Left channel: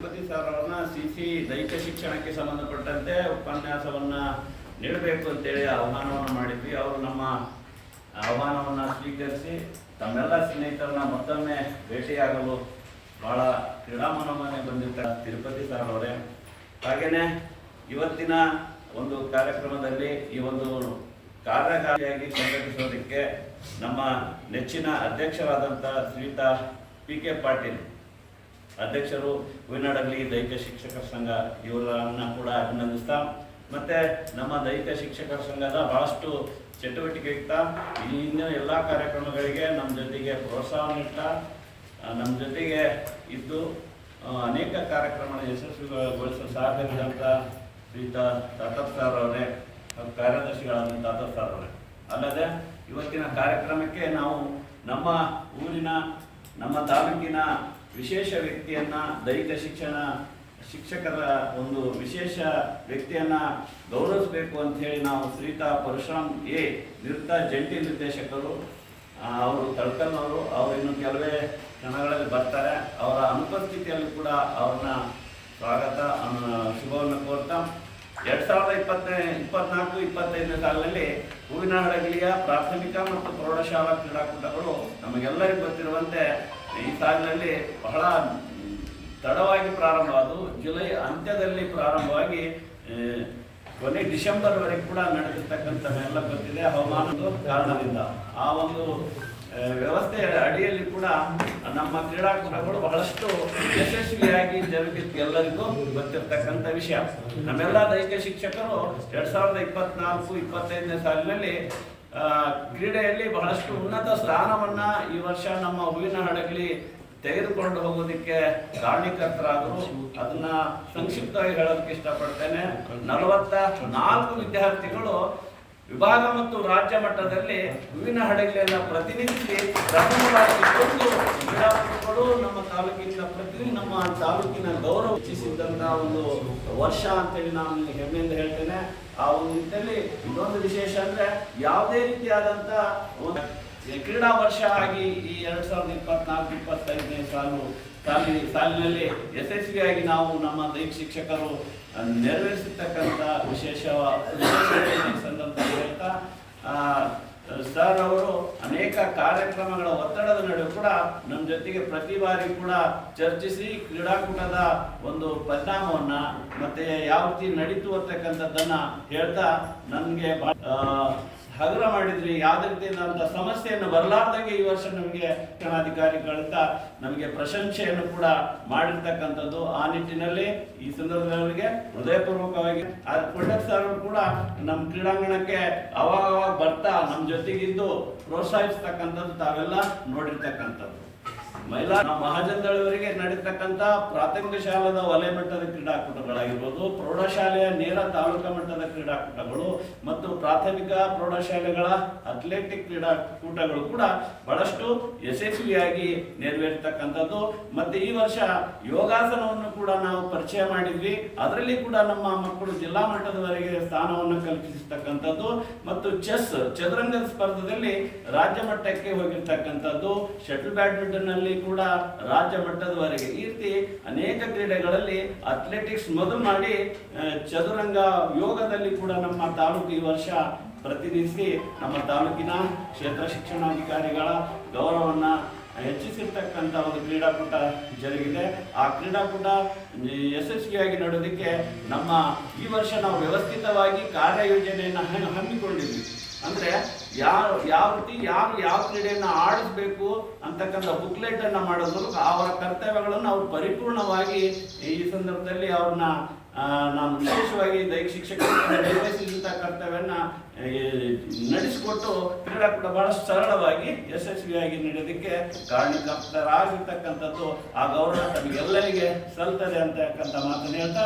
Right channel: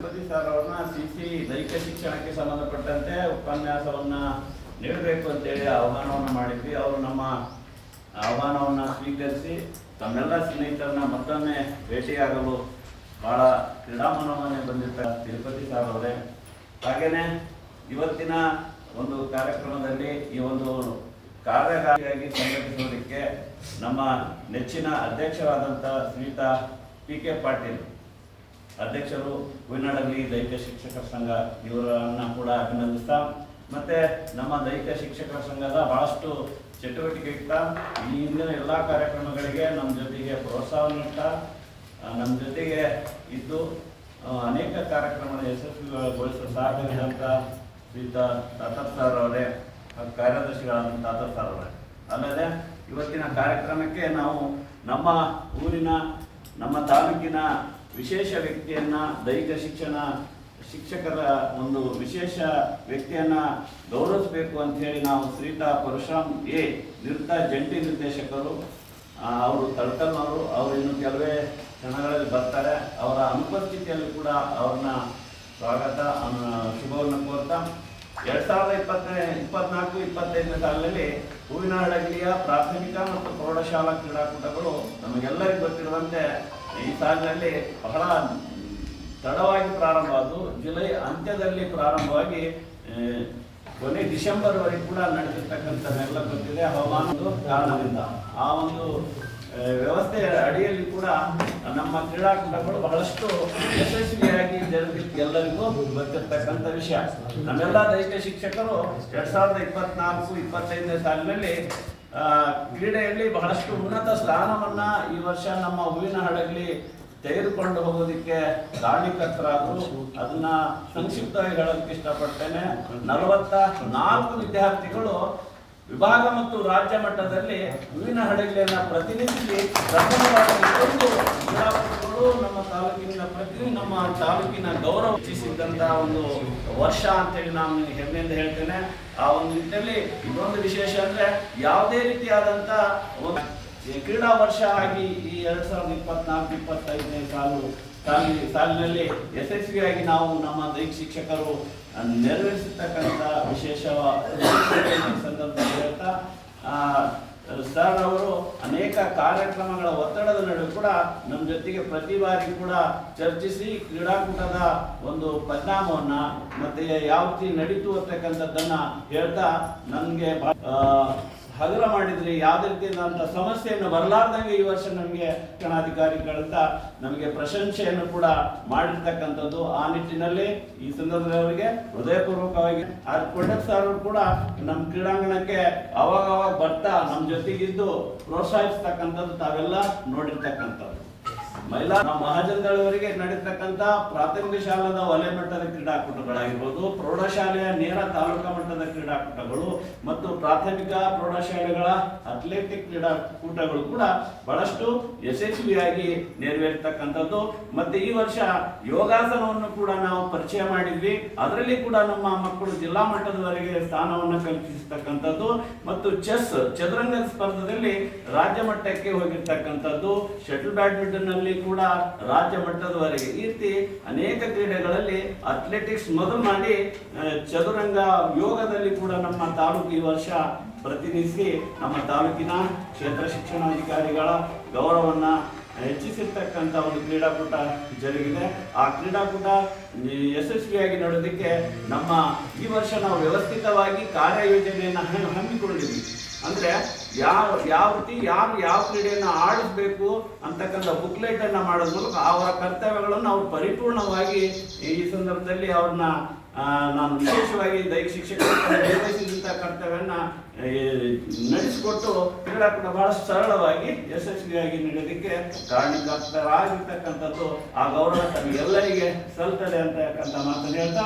Sir ಅವ್ರನ್ನ C C ದೈಹಿಕ ಶಿಕ್ಷಣಕ್ಕೆ ಸಂಬಂಧಪಟ್ಟಂತೆ ಉಪನ್ಯಾಸವನ್ನ ನೀಡಬೇಕು ಅಂತೇಳಿ ಆಹ್ವಾನವನ್ನು ಮಾಡಿದ್ವಿ. ಅವರು ನಮ್ಮ ಆಹ್ವಾನವನ್ನು ಸ್ವೀಕರಿಸಿ ತಮ್ಮೆಲ್ಲ ಸ್ನೇಹಿತರನ್ನ ಮತ್ತೊಮ್ಮೆ ಭೇಟಿಯಾಗಲು ಬಹಳ ಕ್ರೀಡಾಮನವನ್ನೇ ಬಂದಿದ್ದ ತಿರುಪತಿ ಸಾರ್ ಅವರೇ ಹಾಗೇನೆ ಇವತ್ತಿನ ಒಂದು ಕಾರ್ಯಕ್ರಮದಲ್ಲಿ ಈ ಒಂದು ಕಾರ್ಯಕಾರಿಯಾಗಿ ಸಂಘಟಿಸೋದಕ್ಕೆ ನಮ್ಮ ನೆಚ್ಚಿನ ಅಧ್ಯಕ್ಷರಾದಂಥ ಶ್ರೀತಾ ಪಿ ಕೆ ಪಾಟೀಲ್ ಅಧ್ಯಕ್ಷರು ಹೂವಿನಡಗಲಿ ದೈಹಿಕ ಶಿಕ್ಷಕರ ಸಂಘ, ಇವರನ್ನು ಕೂಡ ಅಭಿನಂದಿಸ್ತಾ, ಮತ್ತೆ ನಮ್ಮ ದೈಹಿಕ ಶಿಕ್ಷಕರ ಸಂಘದ ಚಟುವಟಿಕೆ ಇಡ್ತಾ ಇಂದಿನ ಎಲ್ಲ ಕಾರ್ಯಕ್ರಮಗಳಿಗೆ ನಮ್ಮ ಜೊತೆಗೆ ಪ್ರೋತ್ಸಾಹ ನೀಡ್ತಾ ನಮ್ಮ ಜೊತೆಗೆ ಇದ್ದು ಅನೇಕ ಕಾರ್ಯಕ್ರಮದ ಯಶಸ್ವಿಗೊಳಿಸಲು ಸಾಧ್ಯವಿದಂಥ ಶ್ರೀತ ತಾತರ್ ಸರ್ ಅವರೇ ಕಾರ್ಯದರ್ಶಿಗಳಾದ ತಾತರ್ ಸರ್ ಅವರೇ. ಅಲ್ಲದೆ ಇವತ್ತಿನ ಕಾರ್ಯಕ್ರಮಕ್ಕೆ ನಾವು ನಮ್ಮ ಊರಿನ, ನಮ್ಮ ತಾಲೂಕಿನ ವಿಶೇಷ ವ್ಯಕ್ತಿಯನ್ನ, ದೈಹಿಕ ಶಿಕ್ಷಣ, ಶಿಕ್ಷಕರ ಒಂದು ವಿಶೇಷ ವ್ಯಕ್ತಿಯನ್ನ ಗೌರವಿಸಬೇಕು ಹೇಳಿ ನಾವು ಶ್ರೀತಾ ಪರಶುರಾಮ್ ಎ. ನಿವೃತ್ತ ಜಂಟಿ ನಿರ್ದೇಶಕರು ಅವರು ತಳ್ಕಲ್ನವರು, ಅವರು ಇನ್ನು ಕೆಲವೇ ಕ್ಷಣಗಳಲ್ಲಿ ಬರ್ತಾರೆ. ಅವರ ಅನುಪಸ್ಥಿತಿಯಲ್ಲಿ ಕೂಡ ಅವ್ರನ್ನ ಸ್ವಾಗತ ಶುಭವನ್ನು ಕೋರ್ತಾ, ಎರಡ್ ಸಾವಿರದ ಇಪ್ಪತ್ತನೇ, ಇಪ್ಪತ್ನಾಲ್ಕು, ಇಪ್ಪತ್ತೈದನೇ ಸಾಲಿನಲ್ಲಿ ಹೂವಿನ ಹಡಗಲಿಯ ಪ್ರಾಥಮಿಕ ಮತ್ತು ಪ್ರೌಢಶಾಲಾ ಕ್ರೀಡಾಕೂಟಗಳು ನಮಗೆಲ್ಲರಿಗೂ ಗೊತ್ತಿರುವಂತೆ ಈ ಸಾಲಿನಲ್ಲಿ ಬಹಳ ತಡವಾಗಿ ಪ್ರಾರಂಭ ಜುಲೈ ಅಂತ್ಯದಲ್ಲಿ ಪ್ರಾರಂಭವಾಗಿ ಕೊನೆ ಡಿಸೆಂಬರ್ವರೆಗೆ ಕೂಡ ನಡೆದಿರ್ತಕ್ಕಂಥದ್ದೆಲ್ಲ ಗೊತ್ತಿದೆ ಹವಾಮಾನದ ಕಾರಣದಿಂದ. ಆ ಒಂದು ವ್ಯವಸ್ಥೆಯ ಅಡಿಯಲ್ಲಿ ಕೂಡ ನಮ್ಮ ಕ್ರೀಡಾಕೂಟಗಳು ಬಹಳಷ್ಟು ಯಶಸ್ವಿಯಾಗಿ ಜರುಗಿತ್ತು ಎಲ್ಲರಿಗೂ ಗೊತ್ತಿರ್ತಕ್ಕಂಥ ವಿಷಯ. ನಮ್ಮೆಲ್ಲ ದೈಹಿಕ ಶಿಕ್ಷಕರು ಎರಡ್ ಸಾವಿರದ ಇಪ್ಪತ್ನಾಲ್ಕು, ಇಪ್ಪತ್ತೈದನೇ ಸಾಲಿನಲ್ಲಿ ಕ್ರೀಡೆಯಲ್ಲಿ ಬಹಳಷ್ಟು ಉನ್ನತ ಸ್ಥಾನವನ್ನ ಈ ವರ್ಷ ನಮ್ಮ ಹೂವಿನ ಹಡಗಲಿ ತೆಗೆದುಕೊಂಡು ಹೋಗೋದಕ್ಕೆ ಕಾರಣೀಕರ್ತರಾದರು ಅದನ್ನ ಸಂಕ್ಷಿಪ್ತವಾಗಿ ಹೇಳೋದಕ್ಕೆ ಇಷ್ಟಪಡ್ತೇನೆ. ನಲವತ್ತ ನಾಲ್ಕು ವಿದ್ಯಾರ್ಥಿಗಳು ವಿಭಾಗ ಮತ್ತು ರಾಜ್ಯ ಮಟ್ಟದಲ್ಲಿ ಹೂವಿನ ಹಡಗಲಿಯನ್ನ ಪ್ರತಿನಿಧಿಸಿ ಪ್ರಥಮವಾಗಿ ನಮ್ಮ ತಾಲೂಕಿನ ಪ್ರತಿ ನಮ್ಮ ತಾಲೂಕಿನ ಗೌರವ ಹೆಚ್ಚಿಸಿದ್ದಂತಹ ಒಂದು ವರ್ಷ ಅಂತೇಳಿ ನಾನು ಹೆಮ್ಮೆಯಿಂದ ಹೇಳ್ತೇನೆ. ಆ ಒಂದು ನಿಟ್ಟಿನಲ್ಲಿ ಇನ್ನೊಂದು ವಿಶೇಷ ಅಂದ್ರೆ ಯಾವುದೇ ರೀತಿಯಾದಂತ ಒಂದು ಕ್ರೀಡಾ ವರ್ಷ ಆಗಿ ಈ ಎರಡ್ ಸಾವಿರದ ಇಪ್ಪತ್ನಾಲ್ಕು ಇಪ್ಪತ್ತೈದನೇ ಸಾಲು ಸಾಲಿನ ಸಾಲಿನಲ್ಲಿ ಯಶಸ್ವಿಯಾಗಿ ನಾವು ನಮ್ಮ ದೈಹಿಕ ಶಿಕ್ಷಕರು ನೆರವೇರಿಸತಕ್ಕಂತ ನೆರವೇರಿಸಿರ್ತಕ್ಕಂಥ ವಿಶೇಷ ಸಂದರ್ಭದಲ್ಲಿ ಹೇಳ್ತಾ ಆ, ಸರ್ ಅವರು ಅನೇಕ ಕಾರ್ಯಕ್ರಮಗಳ ಒತ್ತಡದ ನಡುವೆ ಕೂಡ ನಮ್ಮ ಜೊತೆಗೆ ಪ್ರತಿ ಬಾರಿ ಕೂಡ ಚರ್ಚಿಸಿ ಕ್ರೀಡಾಕೂಟದ ಒಂದು ಪರಿಣಾಮವನ್ನ ಮತ್ತೆ ಯಾವ ರೀತಿ ನಡೀತು ಅಂತಕ್ಕಂಥದ್ದನ್ನ ಹೇಳ್ತಾ ನನಗೆ ಹಗರ ಮಾಡಿದ್ರಿ ಯಾವುದೇ ಸಮಸ್ಯೆಯನ್ನು ಬರಲಾರ್ದಂಗೆ ಈ ವರ್ಷ ನಮಗೆ ಶಿಕ್ಷಣಾಧಿಕಾರಿಗಳಿಂದ ನಮಗೆ ಪ್ರಶಂಸೆಯನ್ನು ಕೂಡ ಮಾಡಿರ್ತಕ್ಕಂಥದ್ದು ಆ ನಿಟ್ಟಿನಲ್ಲಿ ಈ ಸಂದರ್ಭದಲ್ಲಿ ಅವರಿಗೆ ಹೃದಯಪೂರ್ವಕವಾಗಿ ಕೊಂಡಕ್ ಸರ್ ಕೂಡ ನಮ್ಮ ಕ್ರೀಡಾಂಗಣಕ್ಕೆ ಅವಾಗ ಬರ್ತಾ ನಮ್ಮ ಜೊತೆಗಿದ್ದು ಪ್ರೋತ್ಸಾಹಿಸ್ತಕ್ಕಂಥದ್ದು ತಾವೆಲ್ಲ ನೋಡಿರ್ತಕ್ಕಂಥದ್ದು. ಮಹಿಳಾ ಮಹಾಜನದಳವರಿಗೆ ನಡೀತಕ್ಕಂಥ ಪ್ರಾಥಮಿಕ ಶಾಲಾದ ವಲಯ ಮಟ್ಟದ ಕ್ರೀಡಾಕೂಟಗಳಾಗಿರ್ಬೋದು, ಪ್ರೌಢಶಾಲೆಯ ನೇರ ತಾಲೂಕಾ ಮಟ್ಟದ ಕ್ರೀಡಾಕೂಟಗಳು ಮತ್ತು ಪ್ರಾಥಮಿಕ ಪ್ರೌಢಶಾಲೆಗಳ ಅಥ್ಲೆಟಿಕ್ ಕ್ರೀಡಾಕೂಟಗಳು ಕೂಡ ಬಹಳಷ್ಟು ಯಶಸ್ವಿಯಾಗಿ ನೆರವೇರ್ತಕ್ಕಂಥದ್ದು. ಮತ್ತೆ ಈ ವರ್ಷ ಯೋಗಾಸನವನ್ನು ಕೂಡ ನಾವು ಪರಿಚಯ ಮಾಡಿದ್ವಿ. ಅದರಲ್ಲಿ ಕೂಡ ನಮ್ಮ ಮಕ್ಕಳು ಜಿಲ್ಲಾ ಮಟ್ಟದವರೆಗೆ ಸ್ಥಾನವನ್ನು ಕಲ್ಪಿಸತಕ್ಕಂಥದ್ದು ಮತ್ತು ಚೆಸ್, ಚದುರಂಗ ಸ್ಪರ್ಧೆಯಲ್ಲಿ ರಾಜ್ಯ ಮಟ್ಟಕ್ಕೆ ಹೋಗಿರ್ತಕ್ಕಂಥದ್ದು. ಶಟಲ್ ಬ್ಯಾಡ್ಮಿಂಟನ್ನಲ್ಲಿ ಕೂಡ ರಾಜ್ಯ ಮಟ್ಟದವರೆಗೆ ಈ ರೀತಿ ಅನೇಕ ಕ್ರೀಡೆಗಳಲ್ಲಿ ಅಥ್ಲೆಟಿಕ್ಸ್ ಮೊದಲು ಮಾಡಿ ಚದುರಂಗ ಯೋಗದಲ್ಲಿ ಕೂಡ ನಮ್ಮ ತಾಲೂಕು ಈ ವರ್ಷ ಪ್ರತಿನಿಧಿಸಿ ನಮ್ಮ ತಾಲೂಕಿನ ಕ್ಷೇತ್ರ ಶಿಕ್ಷಣಾಧಿಕಾರಿಗಳ ಗೌರವವನ್ನ ಹೆಚ್ಚಿಸಿರ್ತಕ್ಕಂಥ ಒಂದು ಕ್ರೀಡಾಕೂಟ ಜರುಗಿದೆ. ಆ ಕ್ರೀಡಾಕೂಟ ಯಶಸ್ವಿಯಾಗಿ ನಡೆಯೋದಕ್ಕೆ ನಮ್ಮ ಈ ವರ್ಷ ನಾವು ವ್ಯವಸ್ಥಿತವಾಗಿ ಕಾರ್ಯಯೋಜನೆಯನ್ನು ಹಮ್ಮಿ- ಹಮ್ಮಿಕೊಂಡಿದ್ವಿ. ಅಂದ್ರೆ ಯಾವ ಯಾವ ರೀತಿ, ಯಾರು ಯಾವ ಕ್ರೀಡೆಯನ್ನು ಆಡಿಸ್ಬೇಕು ಅಂತಕ್ಕಂಥ ಬುಕ್ಲೆಟ್ ಅನ್ನ ಮಾಡೋದ್ರ ಅವರ ಕರ್ತವ್ಯಗಳನ್ನು ಅವ್ರು ಪರಿಪೂರ್ಣವಾಗಿ ಈ ಸಂದರ್ಭದಲ್ಲಿ ಅವ್ರನ್ನ ನಾನು ವಿಶೇಷವಾಗಿ ದೈಹಿಕ ಶಿಕ್ಷಕರು ನಿರ್ವಹಿಸಿದಂಥ ನಡೆಸಿಕೊಟ್ಟು ನಡೆಸಿಕೊಟ್ಟು ಕ್ರೀಡಾಕೂಟ ಬಹಳ ಸರಳವಾಗಿ ಯಶಸ್ವಿಯಾಗಿ ನಡೆಯೋದಕ್ಕೆ ಕಾರಣಕರ್ತರಾಗಿರ್ತಕ್ಕಂಥದ್ದು ಆ ಗೌರವ ತಮಗೆಲ್ಲರಿಗೆ ಸಲ್ತದೆ ಅಂತಕ್ಕಂಥ ಮಾತನ್ನು ಹೇಳ್ತಾ